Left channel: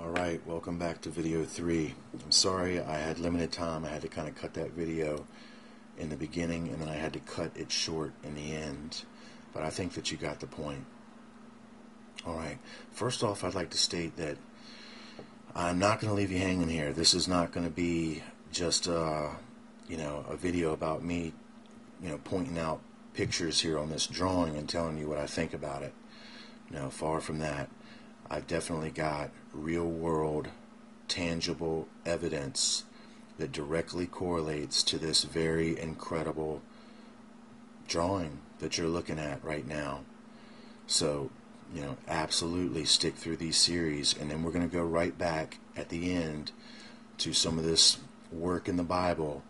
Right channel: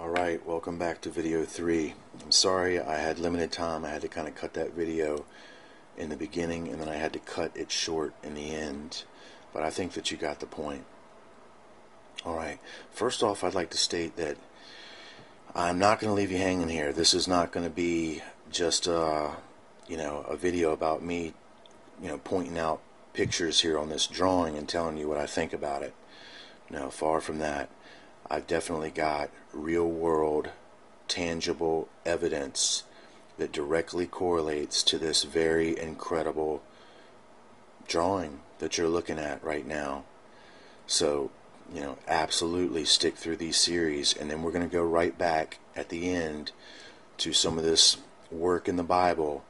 Alright, welcome back to video 3. I'm sorry, I had limited time. I had to kind of cut that video in the beginning, and then I had to cut it short in the end. But I think that you got the point. Alright, first off, I'd like to state that I'm not going to leave you hanging here. This is not going to be just a video about me, pointing out pictures here on this drawing and telling you what I think about it. No, far from that. I've definitely got real-world, tangible evidence that directly correlates to this very incredible drawing that you're looking at right now. So, absolutely stick through these series, and then we're going to go right back at the end to some of this work in the Bible,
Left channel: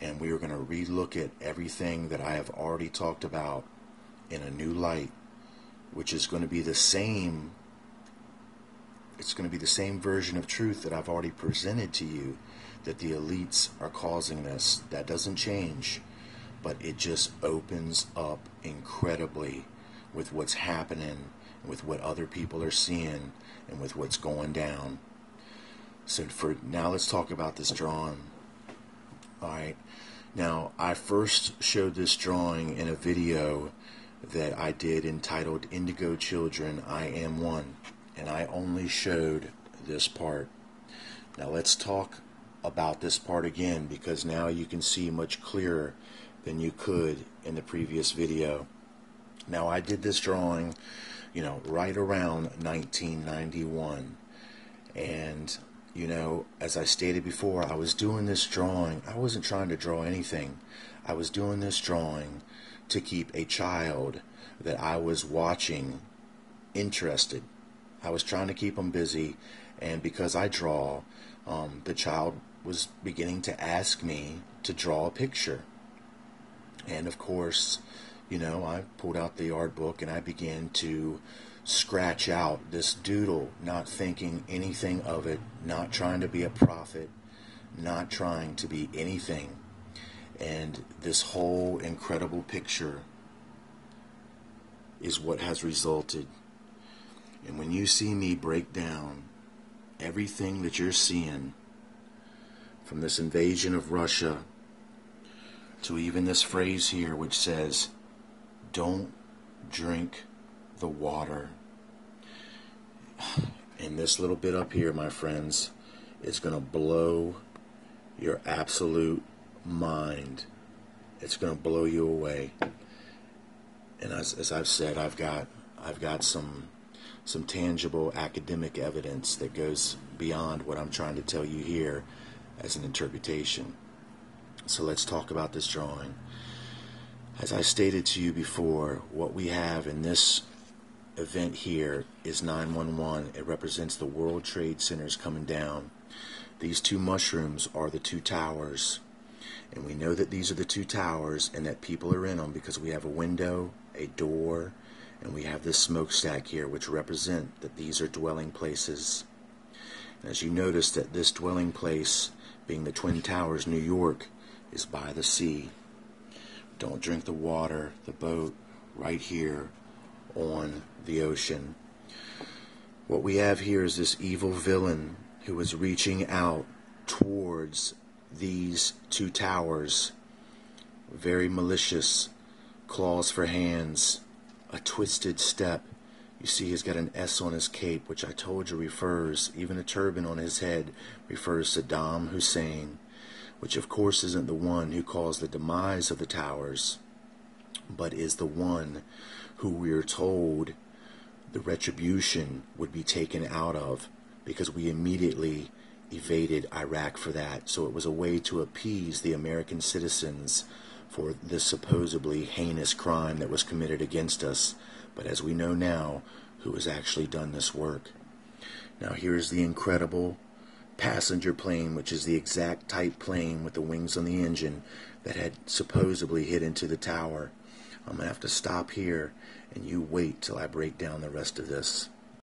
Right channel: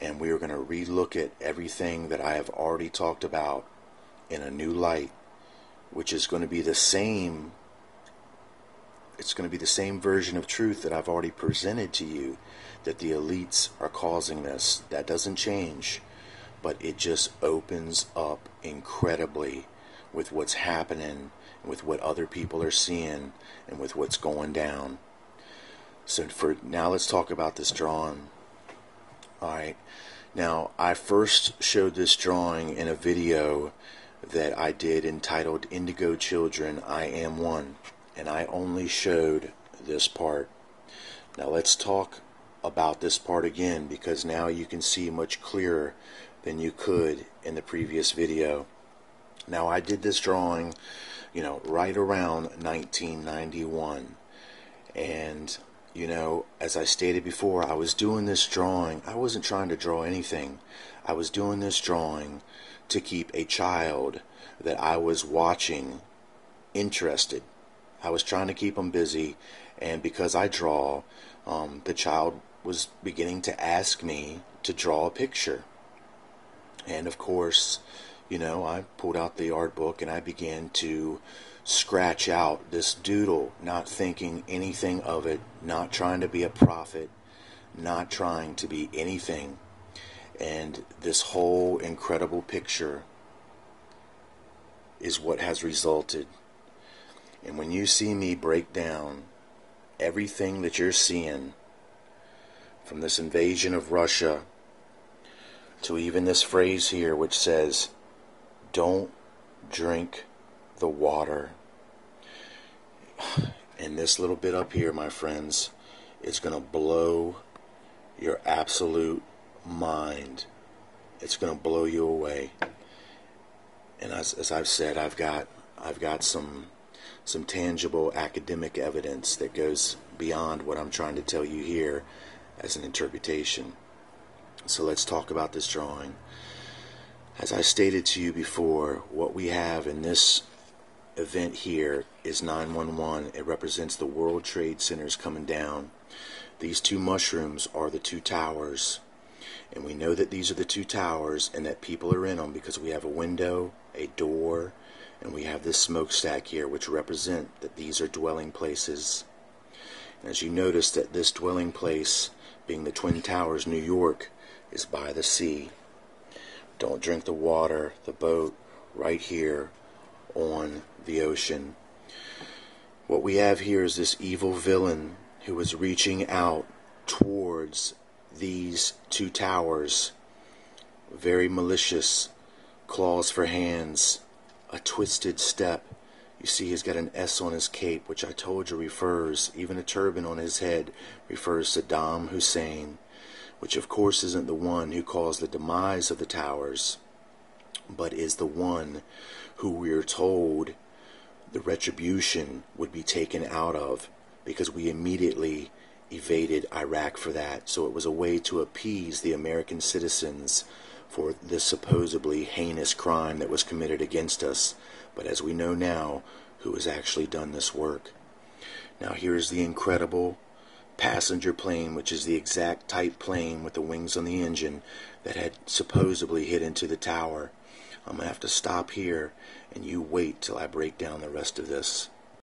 and we are going to relook at everything that I have already talked about in a new light, which is going to be the same. It's going to be the same version of truth that I've already presented to you, that the elites are causing this. That doesn't change, but it just opens up incredibly with what's happening, with what other people are seeing, and with what's going down. So for now, let's talk about this drawing. Alright, now I first showed this drawing in a video that I did entitled Indigo Children, I Am One. And I only showed this part. Now let's talk about this part again, because now you can see much clearer than you could in the previous video. Now I did this drawing, right around 1991. And, as I stated before, I was doing this drawing. I wasn't trying to draw anything. I was doing this drawing to keep a child that I was watching interested. I was trying to keep them busy, and because I draw, the child was beginning to ask me to draw a picture. And of course, I pulled out the art book and I began to scratch out this doodle, not thinking anything of it, not trying to be a prophet, not trying to be anything. And this whole incredible picture is what has resulted. And when you see me break down everything that you're seeing, from this invasion of Russia to even this phrase here which says, "Don't drink the water," and this little bit up here, my friends, is going to blow your absolute mind. It's going to blow you away. And as I've said, I've got some tangible academic evidence that goes beyond what I'm trying to tell you here as an interpretation. So let's talk about this drawing. As I stated to you before, what we have in this event here is 911. It represents the World Trade Centers coming down. These two mushrooms are the two towers. And we know that these are the two towers and that people are in them because we have a window, a door, and we have this smokestack here, which represent that these are dwelling places. And as you notice that this dwelling place, being the Twin Towers, New York, is by the sea. Don't drink the water, the boat, right here on the ocean. What we have here is this evil villain who is reaching out towards these two towers. Very malicious, claws for hands, a twisted step. You see he's got an S on his cape, which I told you refers, even a turban on his head, refers to Saddam Hussein, which of course isn't the one who caused the demise of the towers, but is the one who we are told the retribution would be taken out of, because we immediately evaded Iraq for that. So it was a way to appease the American citizens for this supposedly heinous crime that was committed against us. But as we know now, who has actually done this work. Now here's the incredible passenger plane, which is the exact type plane with the wings on the engine that had supposedly hit into the tower. I'm going to have to stop here, and you wait till I break down the rest of this.